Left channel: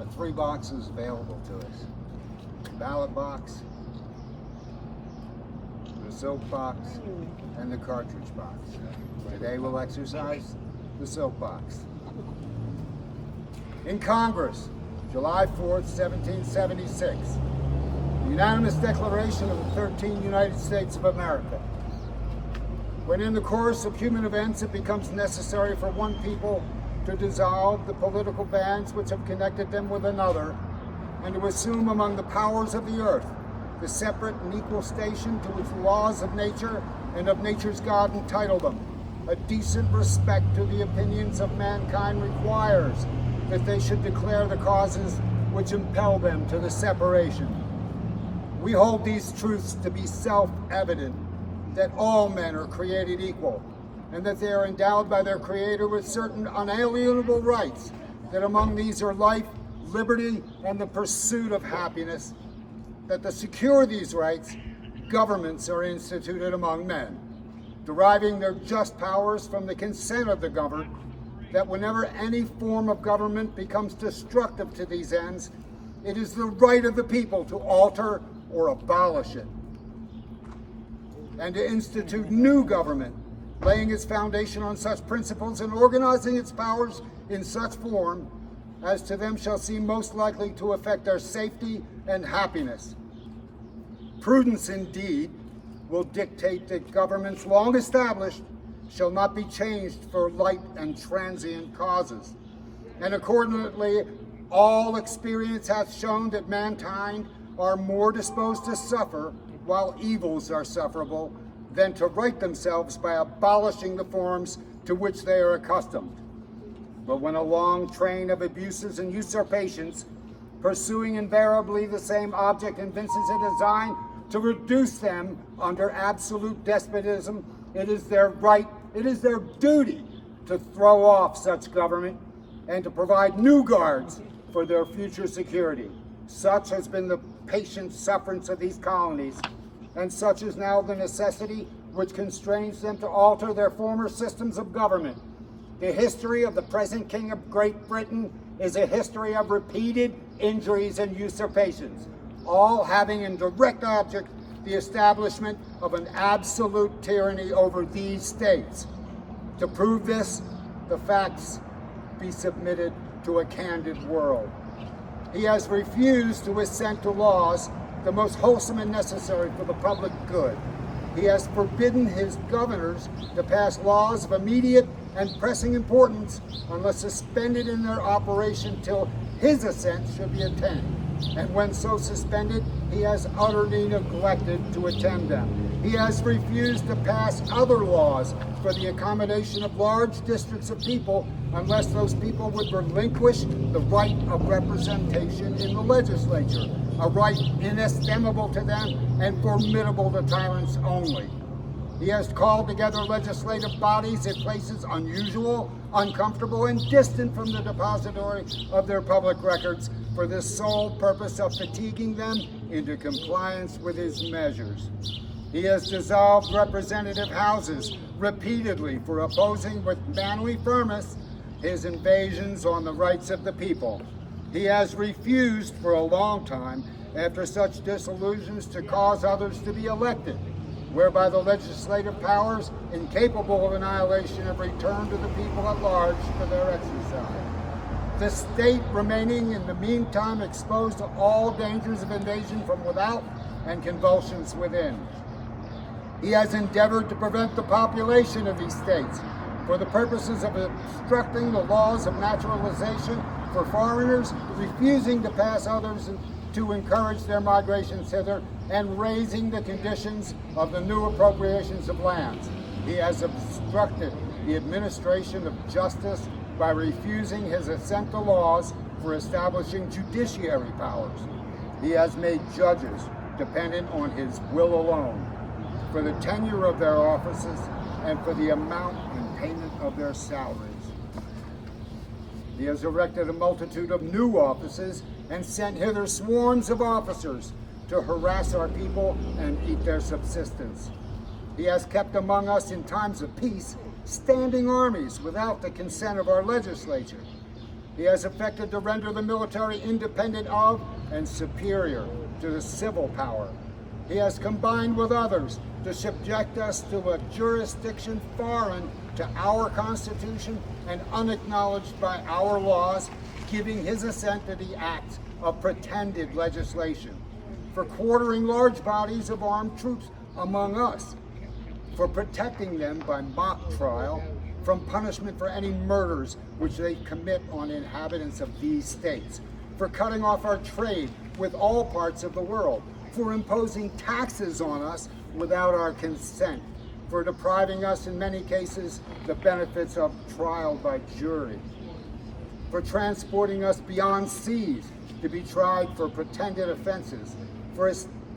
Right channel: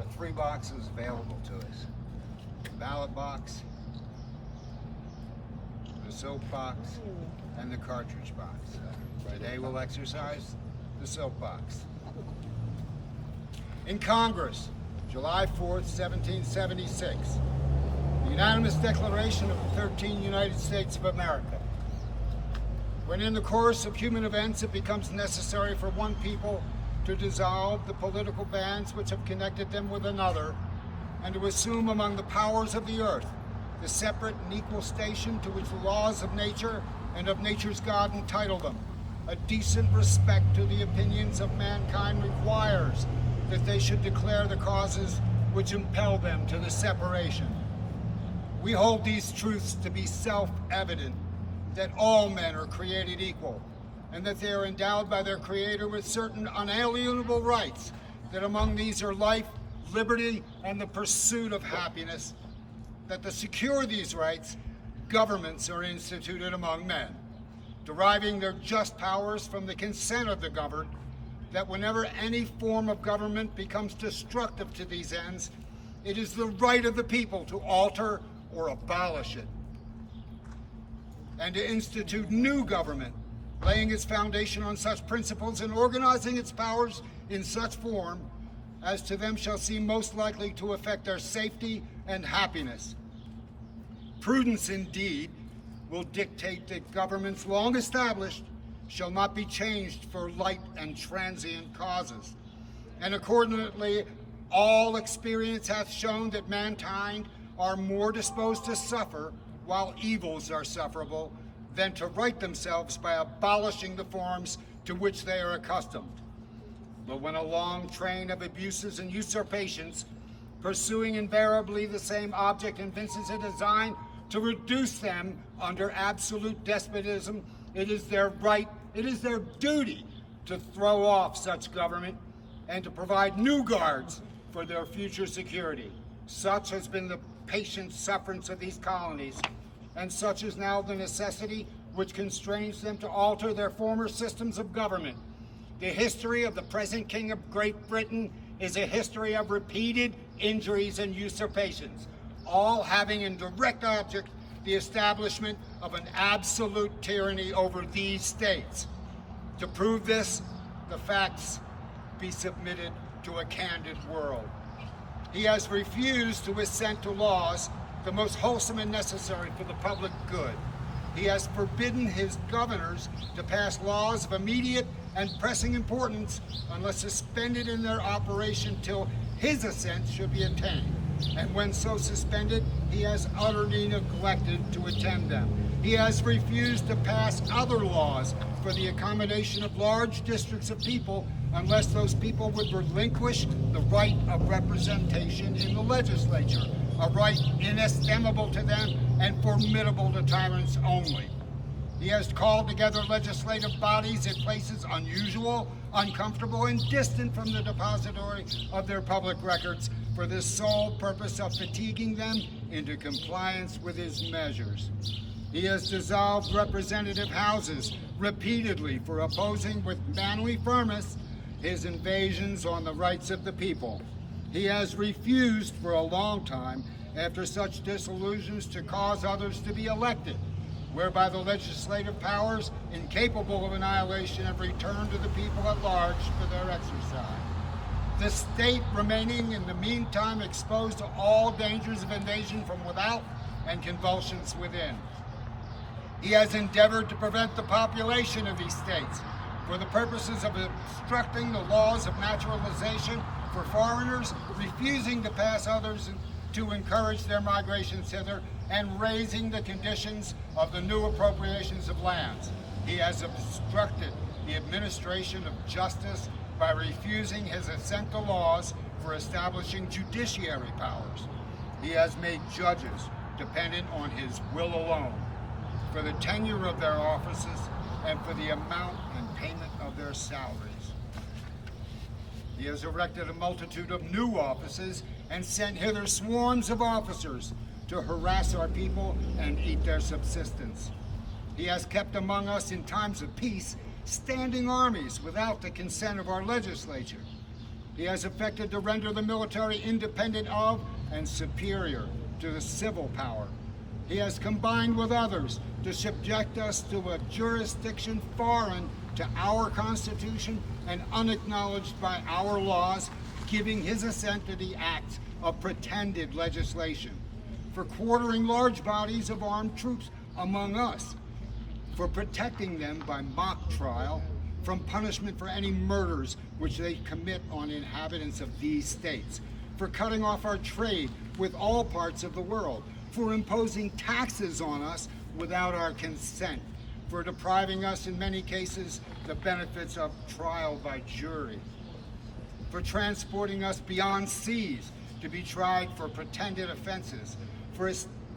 there are 3 boxes available to us. The ballot box, the soap box, and the cartridge box. Today we'll exercise the soap box. In Congress, July 4th, 1776, the unanimous declaration of the 13 United States of America. When in the course of human events it becomes necessary for one people to dissolve the political bands which have connected them with another, and to assume among the powers of the earth the separate and equal station to which the laws of nature and of nature's God entitle them, a decent respect to the opinions of mankind requires that they should declare the causes which impel them to the separation. We hold these truths to be self-evident, that all men are created equal, and that they are endowed by their Creator with certain unalienable rights, that among these are life, liberty, and the pursuit of happiness, that to secure these rights, governments are instituted among men, deriving their just powers from the consent of the governed, that whenever any form of government becomes destructive to these ends, it is the right of the people to alter or abolish it, and to institute new government, laying its foundation on such principles and organizing its powers in such form as to them shall seem most likely to affect their safety and happiness. Prudence, indeed, will dictate that governments long established shall not be changed for light and transient causes. And accordingly, all experience hath shown that mankind are more disposed to suffer while evils are sufferable than to right themselves by abolishing the forms to which they are accustomed. But when a long train of abuses and usurpations, pursuing invariably the same object, evinces a design to reduce them under absolute despotism, it is their right, it is their duty to throw off such government and to provide new guards for their future security. Such has been the patient sufferance of these colonies, and such is now the necessity which constrains them to alter their former systems of government. The history of the present King of Great Britain is a history of repeated injuries and usurpations, all having in direct object the establishment of an absolute tyranny over these states. To prove this, the facts be submitted to a candid world. He has refused to assent to laws the most wholesome and necessary for the public good. He has forbidden his governors to pass laws of immediate and pressing importance unless suspended in their operation till his assent should be obtained. And when so suspended, he has utterly neglected to attend them. He has refused to pass other laws for the accommodation of large districts of people unless those people would relinquish the right of representation in the legislature, a right inestimable to them and formidable to tyrants only. He has called together legislative bodies at places unusual, uncomfortable, and distant from the depository of their public records for the sole purpose of fatiguing them into compliance with his measures. He has dissolved representative houses repeatedly for opposing with manly firmness his invasions on the rights of the people. He has refused for a long time, after such disillusions, to cause others to be elected, whereby the legislative powers, incapable of annihilation, have returned to the people at large for their exercise. The state remaining in the meantime exposed to all dangers of invasion from without and convulsions within. He has endeavored to prevent the population of these states for the purposes of obstructing the laws of naturalization for foreigners, refusing to pass others to encourage their migrations hither, and raising the conditions of the new appropriations of lands. He has obstructed the administration of justice by refusing his assent to laws for establishing judiciary powers. He has made judges dependent on his will alone for the tenure of their offices and for the amount and payment of their salaries. He has erected a multitude of new offices and sent hither swarms of officers to harass our people and eat their subsistence. He has kept among us in times of peace standing armies without the consent of our legislature. He has effected to render the military independent of and superior to the civil power. He has combined with others to subject us to a jurisdiction foreign to our Constitution and unacknowledged by our laws, giving his assent to the acts of pretended legislation, for quartering large bodies of armed troops among us, for protecting them by mock trial from punishment for any murders which they commit on inhabitants of these states, for cutting off our trade with all parts of the world, for imposing taxes on us without our consent, for depriving us in many cases the benefits of trial by jury, for transporting us beyond seas to be tried for pretended offenses,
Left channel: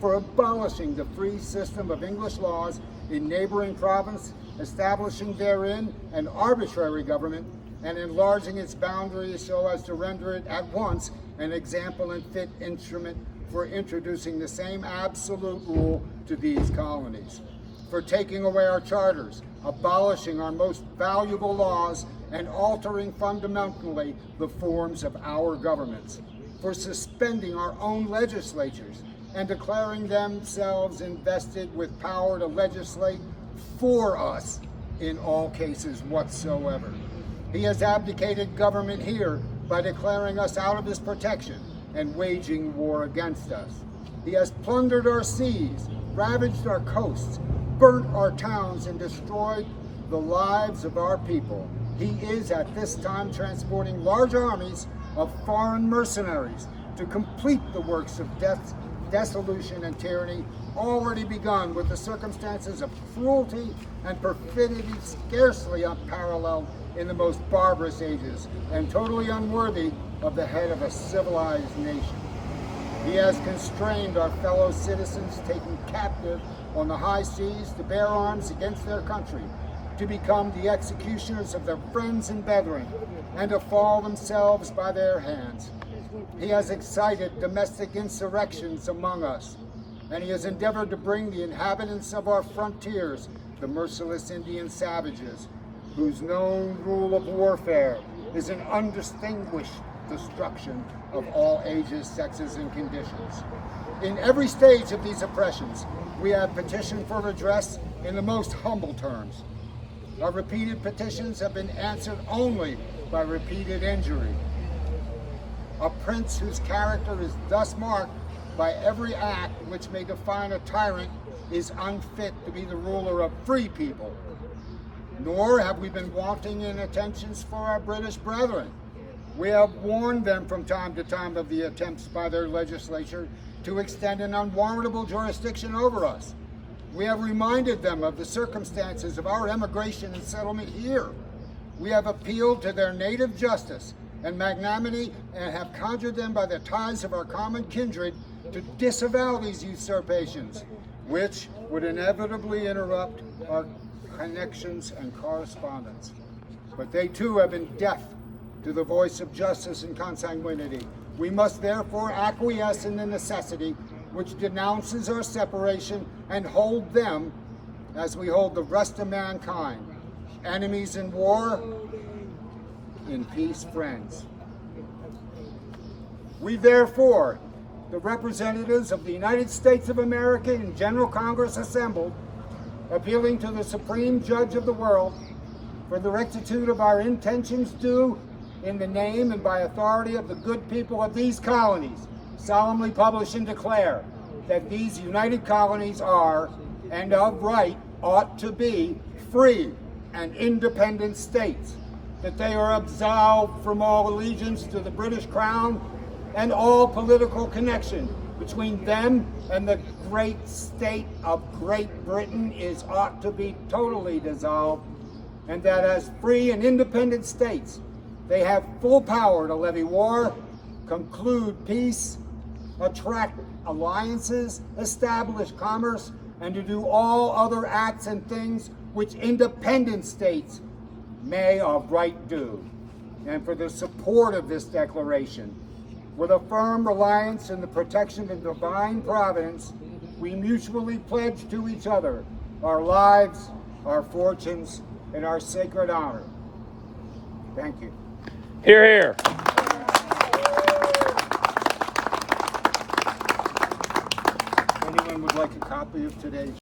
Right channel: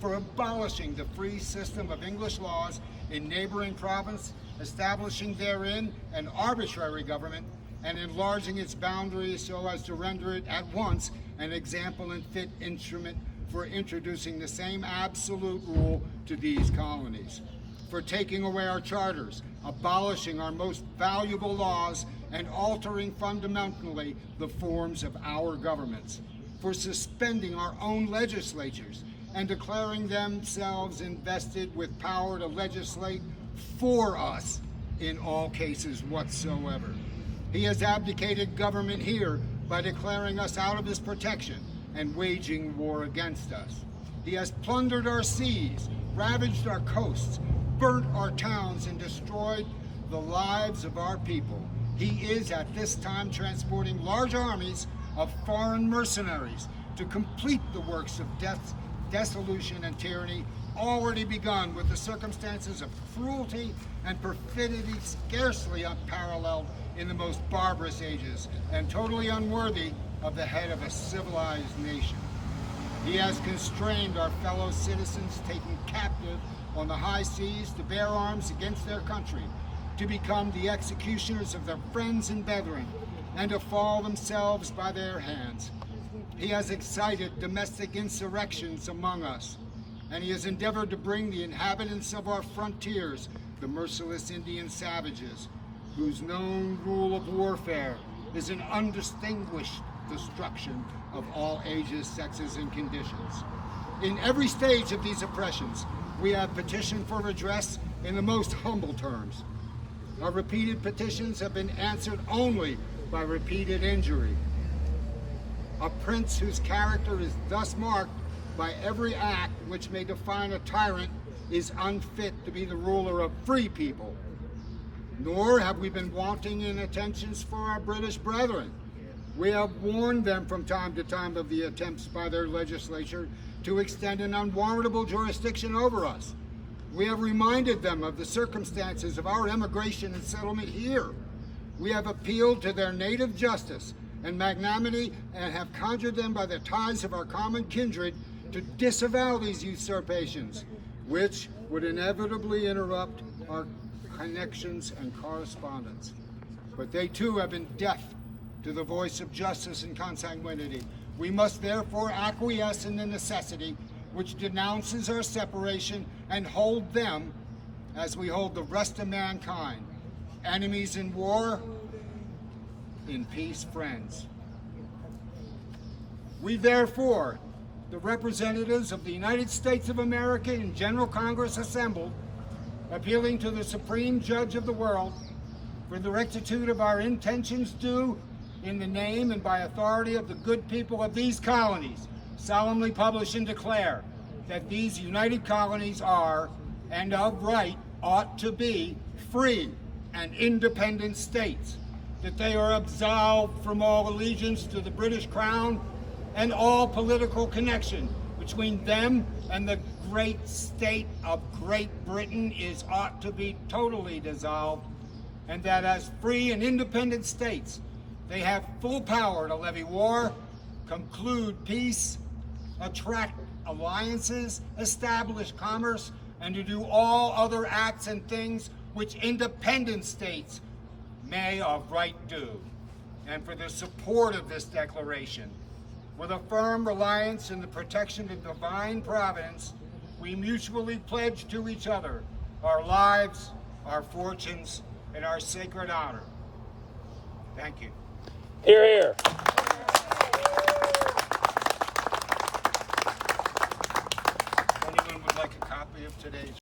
for abolishing the free system of English laws in neighboring province, establishing therein an arbitrary government, and enlarging its boundaries so as to render it at once an example and fit instrument for introducing the same absolute rule to these colonies, for taking away our charters, abolishing our most valuable laws, and altering fundamentally the forms of our governments, for suspending our own legislatures and declaring themselves invested with power to legislate for us in all cases whatsoever. He has abdicated government here by declaring us out of his protection and waging war against us. He has plundered our seas, ravaged our coasts, burnt our towns, and destroyed the lives of our people. He is at this time transporting large armies of foreign mercenaries to complete the works of death, dissolution, and tyranny already begun, with the circumstances of cruelty and perfidy scarcely unparalleled in the most barbarous ages, and totally unworthy of the head of a civilized nation. He has constrained our fellow citizens taken captive on the high seas to bear arms against their country, to become the executioners of their friends and brethren, and to fall themselves by their hands. He has excited domestic insurrections among us, and he has endeavored to bring the inhabitants of our frontiers, the merciless Indian savages, whose known rule of warfare is an undistinguished destruction of all ages, sexes, and conditions. In every stage of these oppressions, we have petitioned for redress in the most humble terms. Our repeated petitions have been answered only by repeated injury. A prince whose character is thus marked by every act which may define a tyrant is unfit to be the ruler of free people. Nor have we been wanting in attentions for our British brethren. We have warned them from time to time of the attempts by their legislature to extend an unwarrantable jurisdiction over us. We have reminded them of the circumstances of our emigration and settlement here. We have appealed to their native justice and magnanimity and have conjured them by the ties of our common kindred to disavow these usurpations, which would inevitably interrupt our connections and correspondence. But they too have been deaf to the voice of justice and consanguinity. We must therefore acquiesce in the necessity which denounces our separation and hold them, as we hold the rest of mankind, enemies in war, in peace friends. We therefore, the representatives of the United States of America in General Congress assembled, appealing to the Supreme Judge of the world for the rectitude of our intentions due in the name and by authority of the good people of these colonies, solemnly publish and declare that these united colonies are, and of right ought to be, free and independent states, that they are absolved from all allegiance to the British Crown and all political connection between them and the great state of Great Britain ought to be totally dissolved, and that as free and independent states, they have full power to levy war, conclude peace, attract alliances, establish commerce, and to do all other acts and things which independent states may of right do. And for the support of this declaration, with a firm reliance in the protection of divine providence, we mutually pledge to each other our lives, our fortunes, and our sacred honor. Thank you. Hear, hear. Anyone would like a copy of today's